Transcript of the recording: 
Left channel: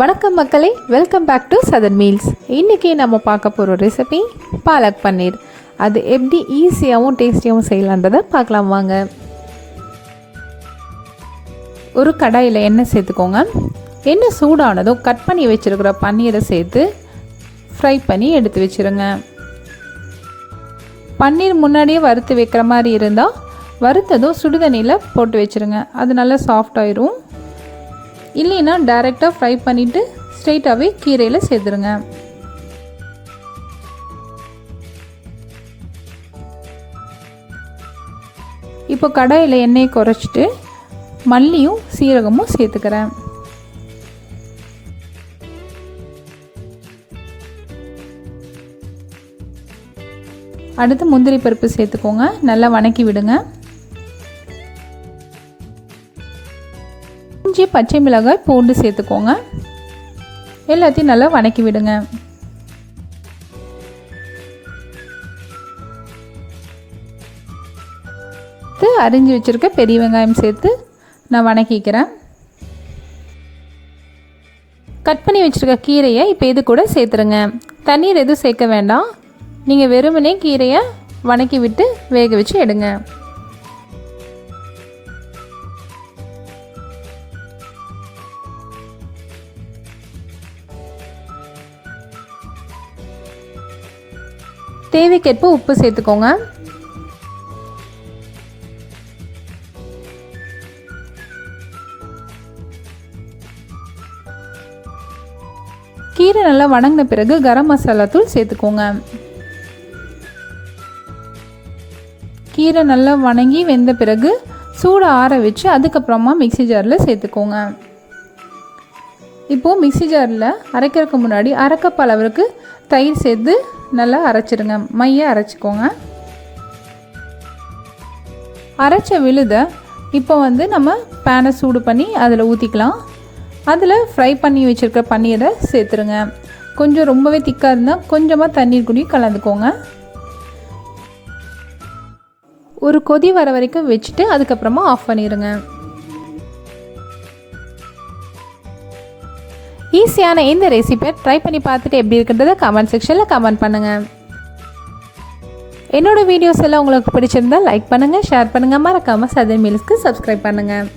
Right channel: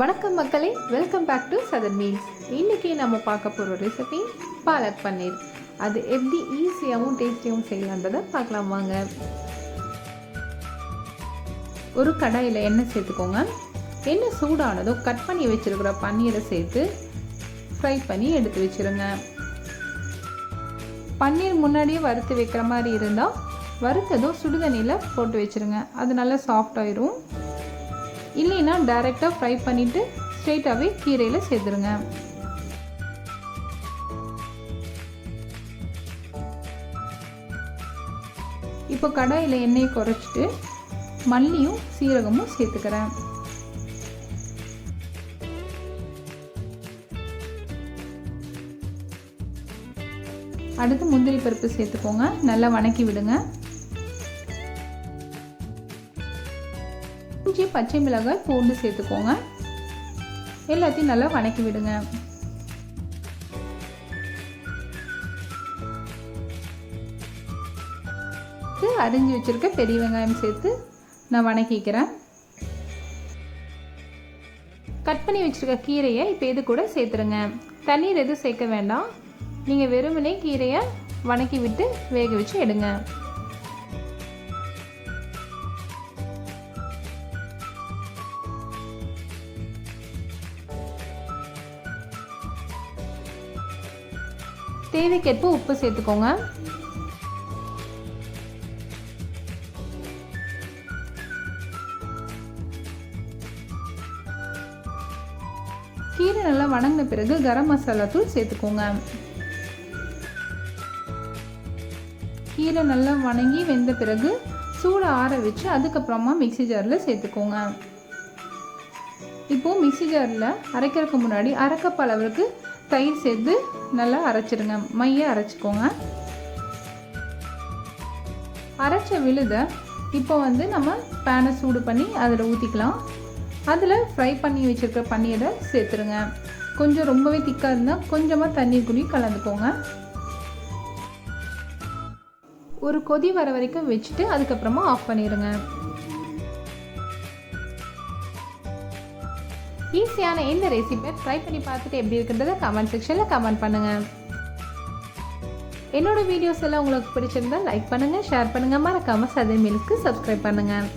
வணக்கம் மக்களே, welcome back to southern meals. இன்றைக்கி நம்ம பார்க்க போகிற ரெசிபி பாலக் பன்னீர். அது எப்படி ஈஸியாகவும் டேஸ்டியாகவும் செய்யலான்றதை பார்க்கலாம் வாங்க. ஒரு கடாயில் எண்ணெய் சேர்த்துக்கோங்க. எண்ணெய் சூடானதும் கட் பண்ணி வச்சுருக்கிற பன்னீரை சேர்த்து ஃப்ரை பண்ணி எடுத்து வச்சுருங்க. பன்னீர் முன்னாடியே வறுத்து வைக்கிற மாதிரி இருந்தால் வறுத்ததும் சுடுதண்ணியில் போட்டு வச்சுருங்க. அது நல்லா சாஃப்டாயிரும். இல்லைன்னா டைரெக்டாக ஃப்ரை பண்ணிவிட்டு ஸ்ட்ரெயிட்டாகவே கீரையில் சேர்த்துருங்க. இப்போ கடாயில் எண்ணெயை குறைச்சிட்டு மல்லியும் சீரகமும் சேர்த்துக்கிறேன். அடுத்து முந்திரி பருப்பு சேர்த்துக்கோங்க. நல்லா வணக்கி விடுங்க. இஞ்சி, பச்சை மிளகாய், பூண்டு சேர்த்துக்கோங்க. எல்லாத்தையும் நல்லா வணக்கி விடுங்க. அரிஞ்சு வச்சுருக்க பெரிய வெங்காயம் சேர்த்து நான் வணக்கிக்கிறேன். கட் பண்ணி வச்சுருக்க கீரையை இப்போ இது கூட சேர்த்துருங்க. தண்ணீர் எதுவும் சேர்க்க வேண்டாம். நீங்கள் வெறுமனே கீரையை வணக்கி விட்டு வேக வச்சு எடுங்க. தேவைக்கேற்ப உப்பு சேர்த்துக்கோங்க. கீரை நல்லா வணங்கின பிறகு கரம் மசாலா தூள் சேர்த்துக்கோங்க. கீரை நல்லா வணங்கி வெந்த பிறகு சூடு ஆற வச்சு அதுக்கப்புறமா மிக்ஸி ஜாரில் சேர்த்துக்கோங்க. இப்போது மிக்ஸி ஜாரில் அரைக்கிறதுக்கு முன்னாடி அரை கப் அளவுக்கு தயிர் சேர்த்து நல்லா அரைச்சிடுங்க. மையை அரைச்சிக்கோங்க. அரைச்ச விழுதை இப்போ நம்ம பேனை சூடு பண்ணி அதில் ஊற்றிக்கலாம். அதில் ஃப்ரை பண்ணி வச்சுருக்க பன்னீரை சேர்த்துருங்க. கொஞ்சம் ரொம்பவே திக்காக இருந்தால் கொஞ்சமாக தண்ணீர் கூடி கலந்துக்கோங்க. ஒரு கொதி வர வரைக்கும் வச்சுட்டு அதுக்கப்புறமா ஆஃப் பண்ணிடுங்க. ஈஸியான இந்த ரெசிபியை ட்ரை பண்ணி பார்த்துட்டு எப்படி இருக்குன்றதை கமெண்ட் செக்ஷனில் கமெண்ட் பண்ணுங்கள். என்னோடய வீடியோஸ் எல்லாம் உங்களுக்கு பிடிச்சிருந்தால் லைக் பண்ணுங்கள், ஷேர் பண்ணுங்கள். மறக்காமல் சதர்ன் மீல்ஸ்க்கு சப்ஸ்கிரைப் பண்ணுங்கள்.